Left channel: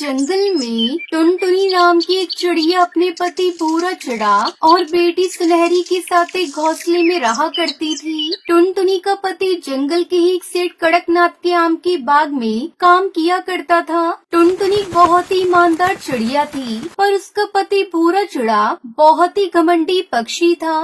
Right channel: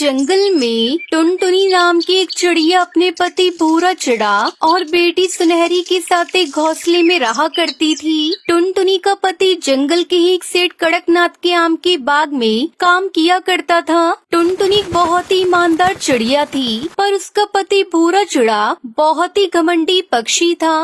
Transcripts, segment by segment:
जंगल में टुनटुनी नाम की एक चिड़िया अपने पति भूरा चिड़ा और बेटी सुनहरी के साथ एक घोंसले में रहा करती थी। टुनटुनी का पति जंगल के ही एक सेठ कड़कनाथ के आम के बाग में काम किया करता था। टुनटुनी बहुत ही ईमानदार चिड़िया थी, पर उसका पति भूरा चिड़ा बहुत ही घमंडी पक्षी था।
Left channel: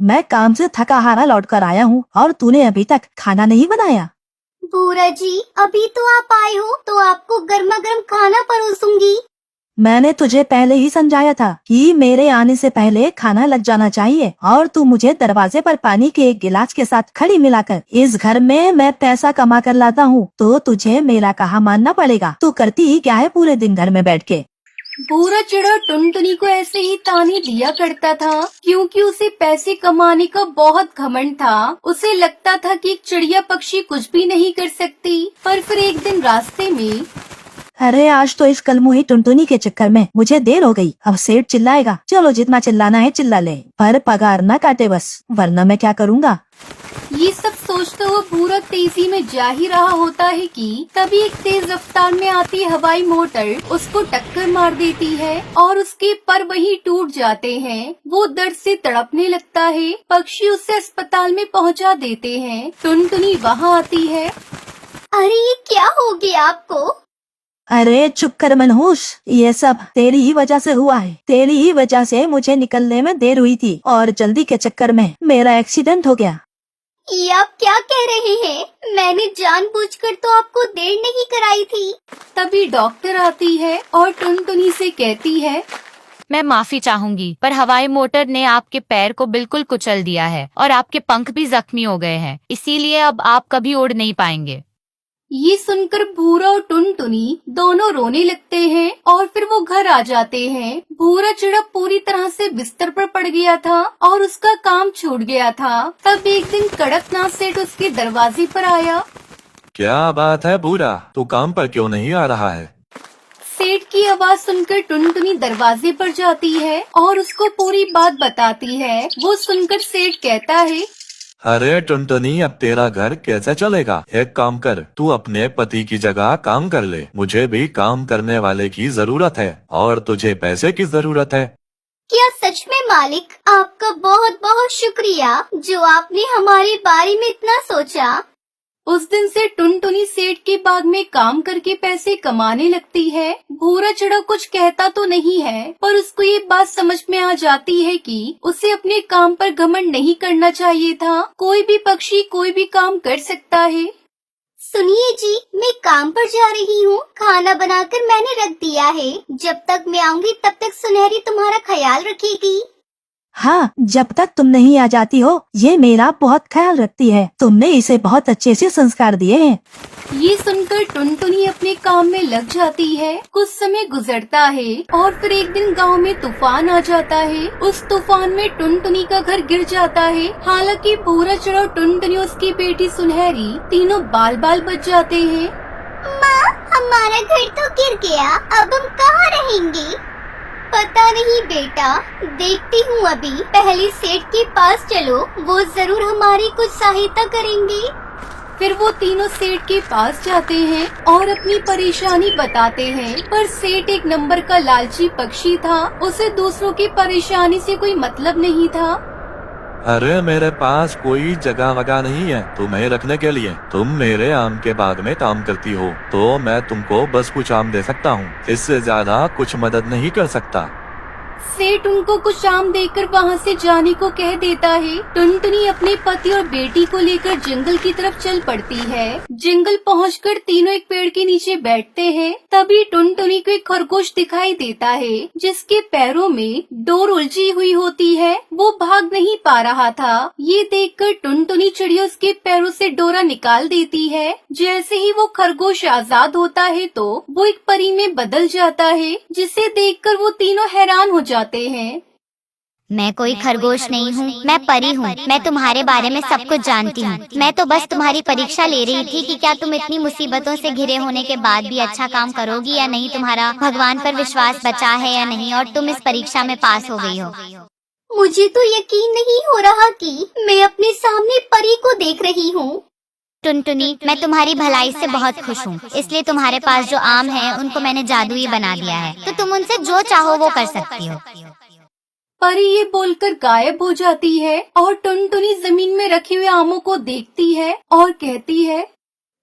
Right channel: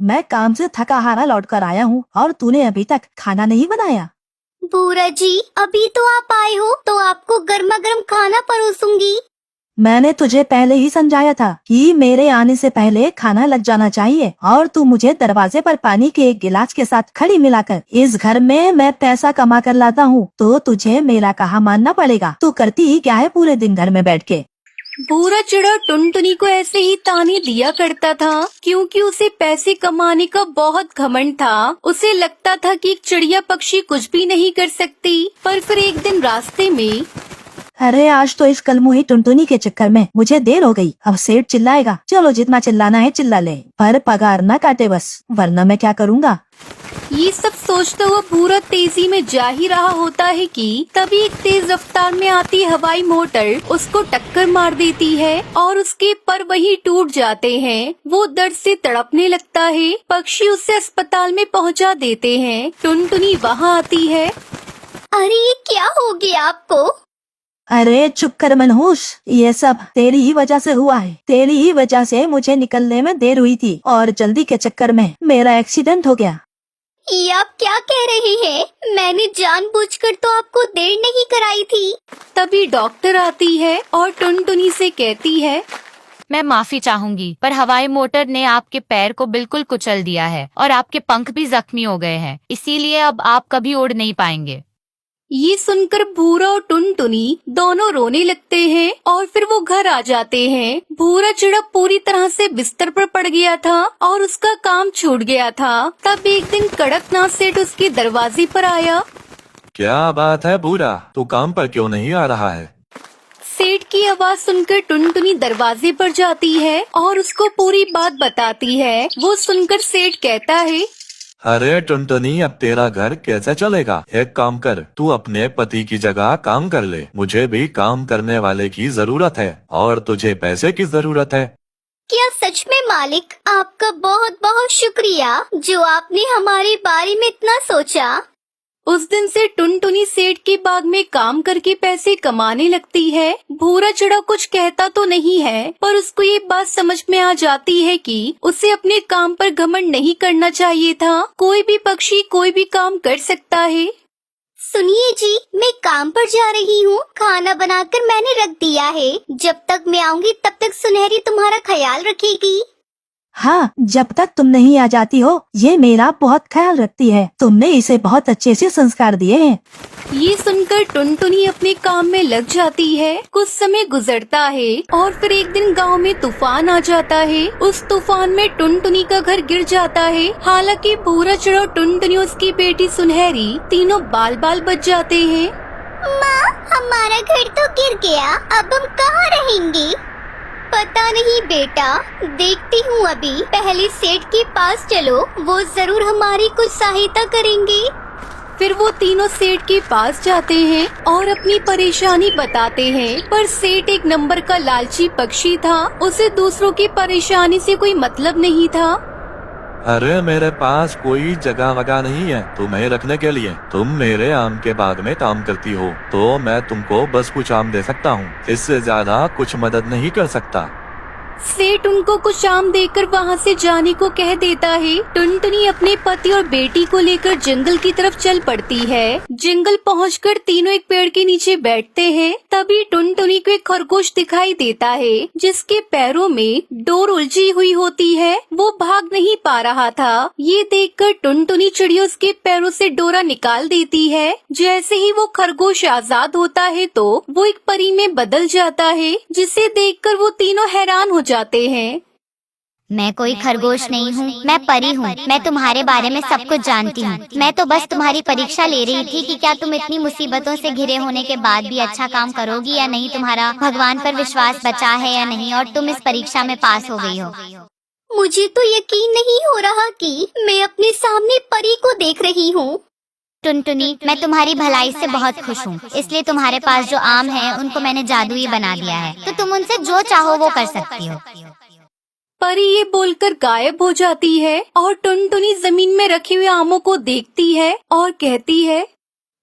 मैं काम से थका हारा लौट कर आया हूँ और तूने अभी तक खाना नहीं बनाया। भूरा जी, अभी तो आप आए हो तो आपको गर्मा गर्म खाना परोसूंगी। मैंने तुझे पहले ही समझाया था कि मेरे आने से पहले खाना लग जाना चाहिए, और तू मुझे दरवाजे पर पानी के एक गिलास के साथ खड़ी मिलाकर इस घर में मैं पैसा कमा कर लाता हूँ, तो तुझे मेरा कहा मानना पड़ेगा। तू करती ही क्या है पूरे दिन घर में बैठ के? भूरा चिड़ा टुनटुनी को ऐसे ही ताने दिया करता था, क्योंकि उसे पैसे कमाने का बहुत घमंड था। उसे लगता था कि एक चिड़िया पक्षी कुछ भी नहीं कर सकती। पर फिर एक दिन रास्ते में, अरे आज तो इस कलमुही टुनटुनी के चक्कर में मुझे देर हो गई। अब सेठ चिल्लाएगा। चलो जितना चिल्लाना है चिल्ला ले, पर पगार न काटे बस, वरना मैं क्या करूँगा। ये सब सोचता हुआ भूरा तेजी में जा ही रहा होता है कि तभी एक तेज रफ्तार में आती हवाई मोटर उसको टक्कर मार देती है और उसके पर वहीं टूट जाते हैं। वो दर्द से तड़पने लगता है। पक्षी उसे अस्पताल में पहुंचा देते हैं। टुनटुनी वहां आती है। अरे ये क्या हो गया आपको? अरे चुप कर मनहूस, ये सब तेरी ही वजह से हुआ है। तेरी ही वजह से मुझे निकलने में देर हुई थी और जल्दी के चक्कर में मेरा एक्सीडेंट हो गया। ये आप क्या कह रही हैं? मैंने जानबूझकर तो आपको देर नहीं कराई थी। तभी डॉक्टर आती है और टुनटुनी से कहती है, मैं माफी चाहूंगी, पर हवाई मोटर ने आपके पैर को बिल्कुल कुचल दिया है और आपके पंख भी जख्मी हो गए हैं, इसीलिए अब आप कभी उड़ नहीं पाएंगे। ये सुनकर भूरा और टुनटुनी दोनों रोने लगते हैं और फिर वो घर आ जाते हैं। भूरा चिड़ा पूरी तरह से बिस्तर पर पड़ गया था और उसका काम छूट गया था। तब एक दिन कड़कनाथ सेठ उसके दरवाजे पर आया। क्या बात है भूरा, तू काम पर क्यों नहीं आ रहा है? सेठ की आवाज सुनकर टुनटुनी दरवाजे पर जाती है और उसको पूरी बात बताती है। वो सुनकर सेठ कहता है, अरे टुनटुनी, अब तेरा घर कैसे चलेगा? एक काम कर, तू अपने पति की जगह काम कर ले। मुझे भी काम करने वाले की जरूरत है और तुझे पैसे की जरूरत है। क्या सच में मालिक? आपका बहुत बहुत शुक्रिया जो आपने हमारे बारे में इतना सोचा। उस दिन से टुनटुनी सेठ के बाग में काम करके पैसे कमाने लगती है। भूरा चिड़ा कुछ कहता तो नहीं है, पर उसको ये बात समझ में आ जाती है कि उसे अपने काम पर घमंड नहीं करना चाहिए था। कोई भी पक्षी कोई भी काम कर सकता है। सुनिए जी, मैं काम पर जा रही हूँ। खाना बनाकर मैंने रख दिया है। जब तक मैं आऊँगी तब तक सुनहरी तुम्हारा ख्याल रखेगी। हाँ, जब तक तुम नहीं आ जाती हो ये मेरा बहुत ख्याल रखती है। तुमने इसे बहुत अच्छे से संस्कार दिए हैं। ये सुनकर टुनटुनी अपने काम में लग जाती है। कुछ समय गुजरता है और फिर एक दिन गांव में तूफान आ जाता है। उस तूफान में टुनटुनी का घर गिर जाता है। हालांकि भूरा चिड़ा, टुनटुनी, उसकी बेटी सुनहरी तीनों बाल बाल बच जाते हैं। माँ, हमारा घर तो गिर गया, अब हम कहाँ रहेंगे? पता नहीं बेटा, देखती हूँ अभी। पहले सेठ के पास चलो, वो जरूर हमारी कुछ सहायता करेंगे। फिर वो तीनों सेठ के पास जाते हैं और अपनी परेशानी बताते हैं। पर सेठ एक नंबर का लालची पक्षी था। उसे दूसरों की परेशानी से कोई मतलब नहीं था। अरे मेरे पास कोई जगह वगह नहीं है तुम्हें रखने के लिए। तुम मेरे आम के बाग में काम करती हो तो मैं तुमको बस कुछ आम दे सकता हूँ, इससे ज्यादा कुछ मदद नहीं कर सकता। सेठ उनको कुछ आम देकर वहाँ से जाने को कह देता है। टुनटुनी अपने पति और बेटी को लेकर जंगल की तरफ चल पड़ती है। जंगल पहुंचकर तीनों एक पेड़ के नीचे बैठते हैं। तभी टुनटुनी को एक खरगोश दिखाई देता है जिसके पैरों में डोर उलझी हुई होती है। वो भाग नहीं पा रहा था। ये देखकर टुनटुनी चिड़िया उसके पैरों से डोरा निकाल देती है। जैसे ही वो खरगोश आजाद होता है तो वो एक परी में बदल जाता है, जिसे देखकर वो तीनों हैरान हो जाते हैं। मैं कोई खरगोश नहीं हूँ, मैं परी हूँ। मैं तुम्हारे बारे में सब कुछ जानती हूँ। मैं तो बस तुम्हारी परीक्षा ले रही थी कि क्या तुम इतनी मुसीबतों से घिरे होने के बाद भी अच्छा काम करोगी या नहीं, तुम्हारा भगवान पर विश्वास बचा है या नहीं, और तुम इस परीक्षा में पास हो गई हो। मुझे तो यकीन नहीं हो रहा कि मैं अपने सामने परी को देख रही हूँ। टुनटुनी, मैं तुम्हारी भलाई से बहुत खुश हूँ, इसलिए तुम्हारे पास जो आम है उनको मैंने जादुई बना दिया है, तो तुम उनसे जो चाहो वो कर सकती हो। परी ये बोलकर गायब हो जाती है और टुनटुनी जमीन में रखे हुए आमों को देखती है और कहती है,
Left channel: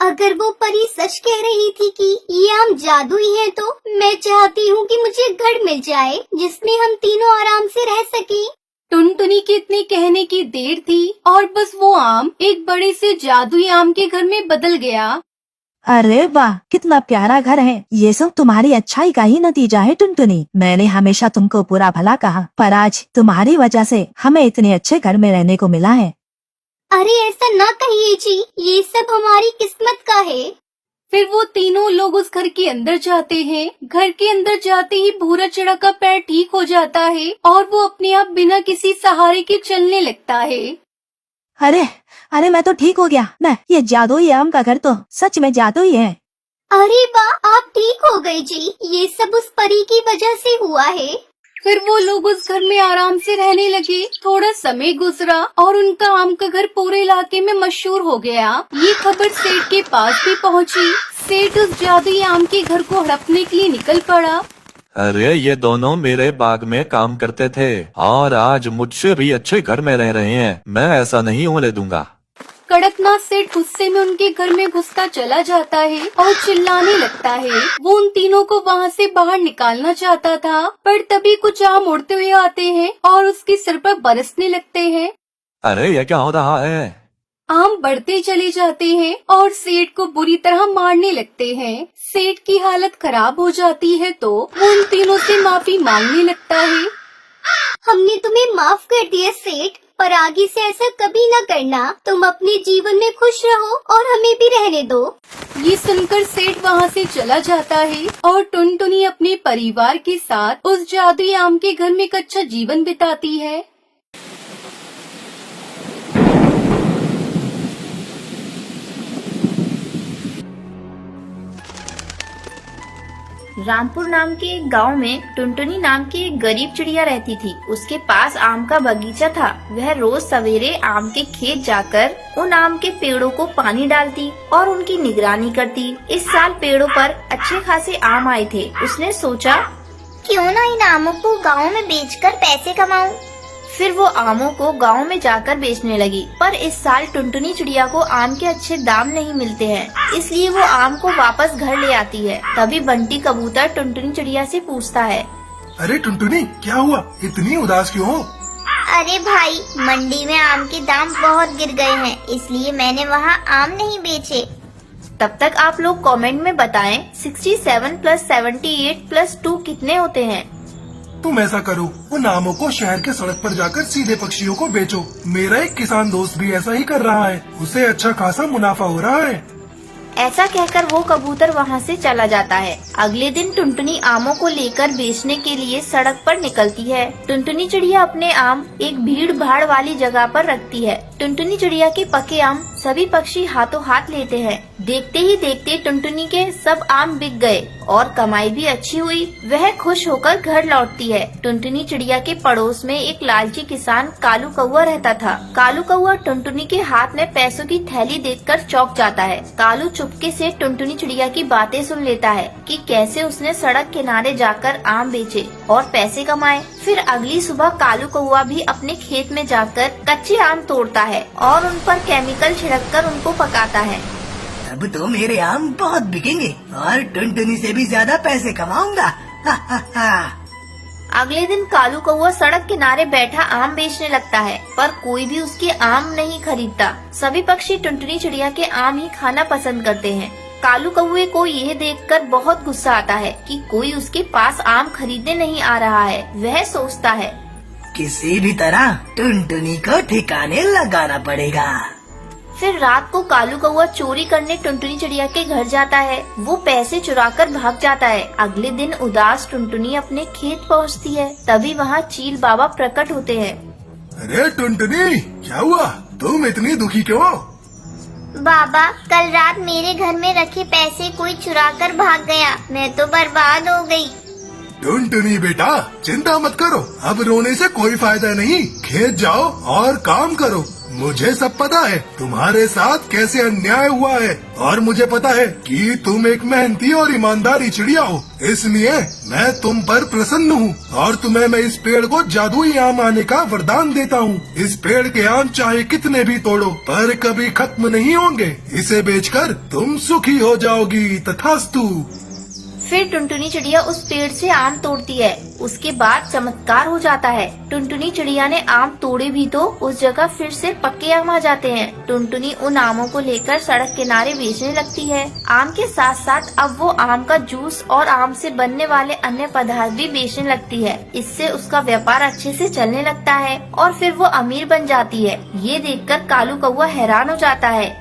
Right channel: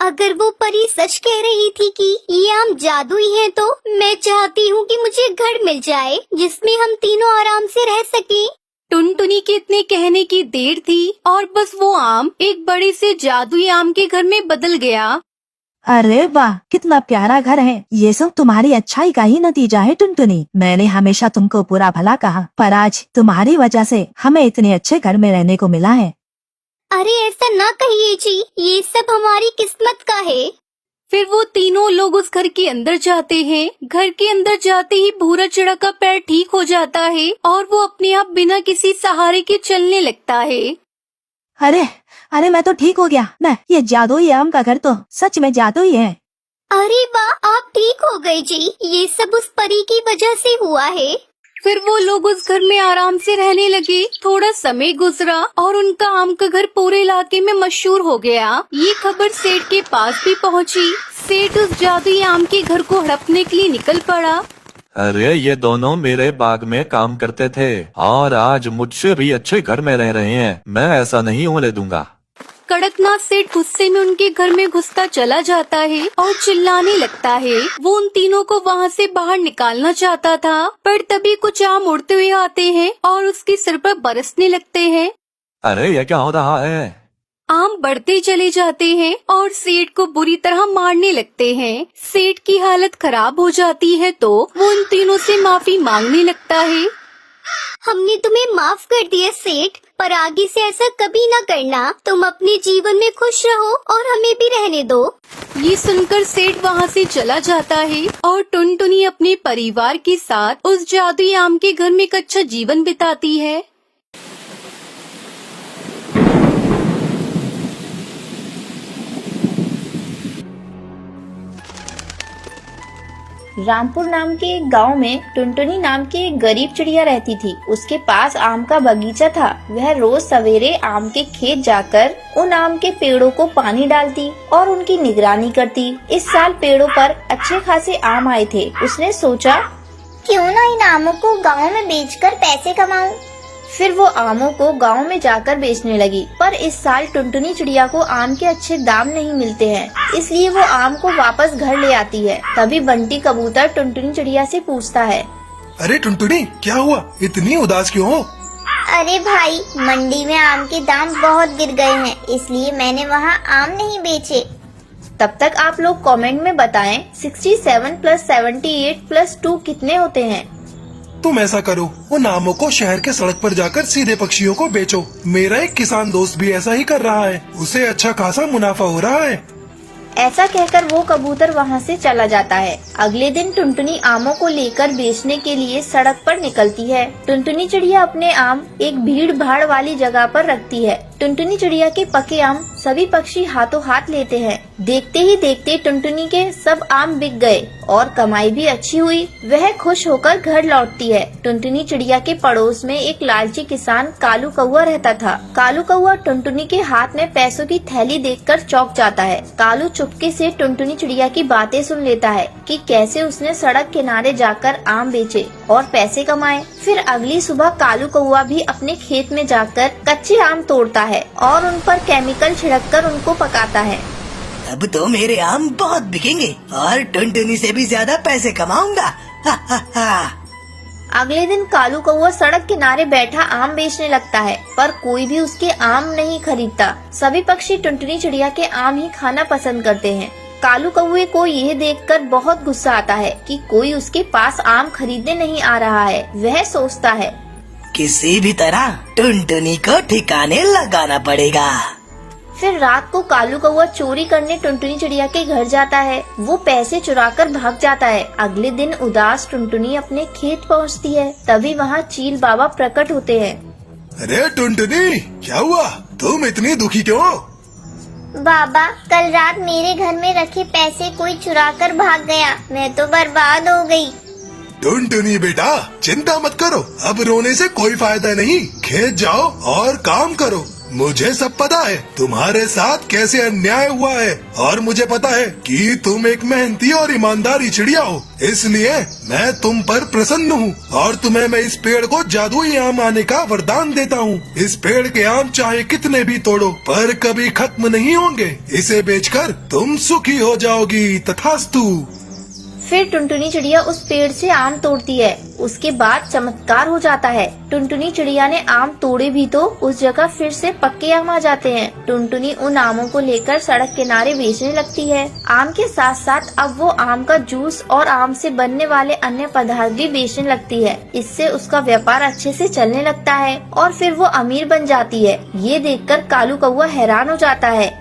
अगर वो परी सच कह रही थी कि ये आम जादुई है, तो मैं चाहती हूँ कि मुझे घर मिल जाए जिसमें हम तीनों आराम से रह सके। टुनटुनी के इतने कहने की देर थी और बस वो आम एक बड़े से जादुई आम के घर में बदल गया। अरे वाह, कितना प्यारा घर है। ये सब तुम्हारी अच्छाई का ही नतीजा है टुनटुनी। मैंने हमेशा तुमको बुरा भला कहा, पर आज तुम्हारी वजह से हमें इतने अच्छे घर में रहने को मिला है। अरे ऐसा ना कहिए जी, ये सब हमारी किस्मत का है। फिर वो तीनों लोग उस घर के अंदर जाते हैं। घर के अंदर जाते ही भूरा चिड़ा का पैर ठीक हो जाता है और वो अपने आप बिना किसी सहारे के चलने लगता है। अरे अरे, मैं तो ठीक हो गया ना। ये जादुई आम का घर तो सच में जादुई है। अरे वाह, आप ठीक हो गए जी। ये सब उस परी की वजह से हुआ है। फिर वो लोग उस घर में आराम से रहने लगे। थोड़ा समय गुजरा और उनका आम का घर पूरे इलाके में मशहूर हो गया। ये खबर सेठ के पास भी पहुंची। सेठ उस जादुई आम के घर को हड़पने के लिए निकल पड़ा। अरे ये दोनों मेरे बाग में काम करते थे और आज मुझसे भी अच्छे घर में रह रहे हैं। मैं ऐसा नहीं होने दूंगा। कड़कनाथ सेठ गुस्से में उनके घर में घुसता चला जाता है और चिल्लाने लगता है। वो उन तीनों को वहाँ से बाहर निकालना चाहता था, पर तभी कुछ आम उड़ते हुए आते हैं और उसके सिर पर बरसने लगते हैं। अरे ये क्या हो रहा है? आम बढ़ते चले जाते हैं और सेठ को बुरी तरह मारने लगते हैं। सेठ की हालत खराब हो जाती है तो वो उन तीनों से माफी मांगने लगता है। हमने तुम्हें माफ कर दिया सेठ, पर आगे से ऐसा कभी न करना। तुम अपने जीवन में खुश रहो और हमें भी रहने दो। ये सुनकर सेठ वहाँ से चला जाता है और टुनटुनी अपने परिवार के साथ उस जादुई आम के घर में एक अच्छा जीवन बिताती है। रामपुर नाम के एक गांव में टुनटुनी नाम की एक गरीब चिड़िया रहती थी। उसके पास आम का बगीचा था। वह रोज सवेरे आम के खेत जाकर उन आम के पेड़ों को पानी डालती और उनकी निगरानी करती। इस साल पेड़ों पर अच्छे खासे आम आए थे। उसने सोचा, क्यों ना इन आमों को गाँव में बेचकर पैसे कमाऊं। फिर वो आमों को गांव में जाकर बेचने लगी। पर इस साल टुनटुनी चिड़िया को आम के अच्छे दाम नहीं मिलते हैं, इसलिए वो आम को वापस घर ले आती है। तभी बंटी कबूतर टुनटुनी चिड़िया से पूछता है, अरे टुनटुनी, क्या हुआ? इतनी उदास क्यों हो? अरे भाई, मंडी में आम के दाम बहुत गिर गए हैं, इसलिए मैंने वहाँ आम नहीं बेचे। तब तक आप लोग कमेंट में बताएं 67 + 78 + 2 कितने होते हैं। तुम ऐसा करो, उन आमों को शहर के सड़क पर जाकर सीधे पक्षियों को बेचो। मेरा एक किसान दोस्त भी ऐसा ही कर रहा है, उसे अच्छा खासा मुनाफा हो रहा है। ऐसा कहकर वो कबूतर वहाँ से चला जाता है। अगले दिन टुनटुनी आमों को लेकर बेचने के लिए सड़क पर निकलती है। टुनटुनी चिड़िया अपने आम एक भीड़ भाड़ वाली जगह पर रखती है। टुनटुनी चिड़िया के पके आम सभी पक्षी हाथों हाथ लेते हैं। देखते ही देखते टुनटुनी के सब आम बिक गए और कमाई भी अच्छी हुई। वह खुश होकर घर लौटती है। टुनटुनी चिड़िया के पड़ोस में एक लालची किसान कालू कौआ रहता था। कालू कौआ टुनटुनी के हाथ में पैसों की थैली देखकर चौंक जाता है। कालू चुपके से टुनटुनी चिड़िया की बातें सुन लेता है कि कैसे उसने सड़क किनारे जाकर आम बेचे और पैसे कमाए। फिर अगली सुबह कालू कौआ भी अपने खेत में जाकर कच्चे आम तोड़ता है और उन पर केमिकल छिड़ककर उनको पकाता है। अब तो मेरे आम बहुत बिकेंगे और टुनटुनी से भी ज्यादा पैसे कमाऊंगा। हा हा हा। अगले दिन कालू कौआ सड़क किनारे बैठा आम बेचने लगता है, पर कोई भी उसके आम नहीं खरीदता। सभी पक्षी टुनटुनी चिड़िया के आम ही खाना पसंद करते हैं। कालू कौए को यह देखकर बहुत गुस्सा आता है कि कोई उसके पास आम खरीदने नहीं आ रहा है। वह सोचता है, किसी भी तरह टुनटुनी को ठिकाने लगाना पड़ेगा। फिर रात को कालू कौआ चोरी करने टुनटुनी चिड़िया के घर जाता है। वो पैसे चुराकर भाग जाता है। अगले दिन उदास टुनटुनी अपने खेत पहुंचती है। तभी वहाँ चील बाबा प्रकट होते हैं। अरे टुनटुनी, क्या हुआ? तुम इतनी दुखी क्यों हो? बाबा, कल रात मेरे घर में रखे पैसे कोई चुरा कर भाग गया। मैं तो बर्बाद हो गई। टुनटुनी बेटा, चिंता मत करो, अब रोने से कोई फायदा नहीं। खेत जाओ और काम करो। मुझे सब पता है तुम्हारे साथ कैसे अन्याय हुआ है, और मुझे पता है कि तुम एक मेहनती और ईमानदारी चिड़िया हो, इसलिए मैं तुम पर प्रसन्न हूँ और तुम्हें मैं इस पेड़ को जादुई आम आने का वरदान देता हूँ। इस पेड़ के आम चाहे कितने भी तोड़ो पर कभी खत्म नहीं होंगे। इसे बेचकर तुम सुखी हो जाओगी, तथास्तु। फिर टुनटुनी चिड़िया उस पेड़ से आम तोड़ती है। उसके बाद चमत्कार हो जाता है। टुनटुनी चिड़िया ने आम तोड़े भी तो उस जगह फिर से पक्के आम आ जाते हैं। टुनटुनी उन आमों को लेकर सड़क किनारे बेचने लगती है। आम के साथ साथ अब वो आम का जूस और आम से बनने वाले अन्य पदार्थ भी बेचने लगती है। इससे उसका व्यापार अच्छे से चलने लगता है और फिर वो अमीर बन जाती है। ये देखकर कालू कौवा हैरान हो जाता है।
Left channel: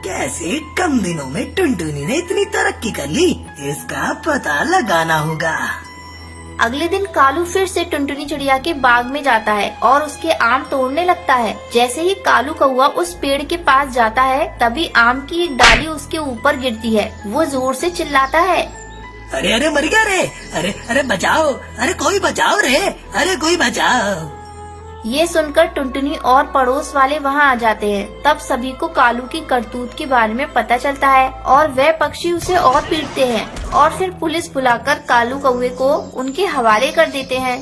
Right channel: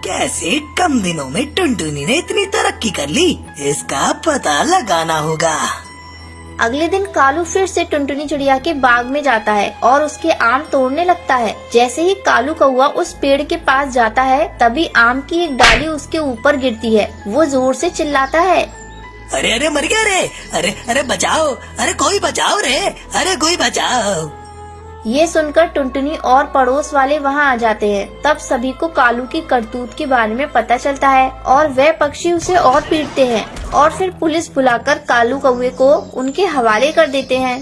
कैसे कम दिनों में टुनटुनी ने इतनी तरक्की कर ली, इसका पता लगाना होगा। अगले दिन कालू फिर से टुनटुनी चिड़िया के बाग में जाता है और उसके आम तोड़ने लगता है। जैसे ही कालू कौवा उस पेड़ के पास जाता है तभी आम की एक डाली उसके ऊपर गिरती है। वो जोर से चिल्लाता है, अरे अरे मर गया रे, अरे अरे बचाओ, अरे कोई बचाओ रे, अरे कोई बचाओ। ये सुनकर टुनटुनी और पड़ोस वाले वहाँ आ जाते हैं। तब सभी को कालू की करतूत के बारे में पता चलता है और वे पक्षी उसे और पीटते हैं और फिर पुलिस बुलाकर कालू कौवे को उनके हवाले कर देते हैं।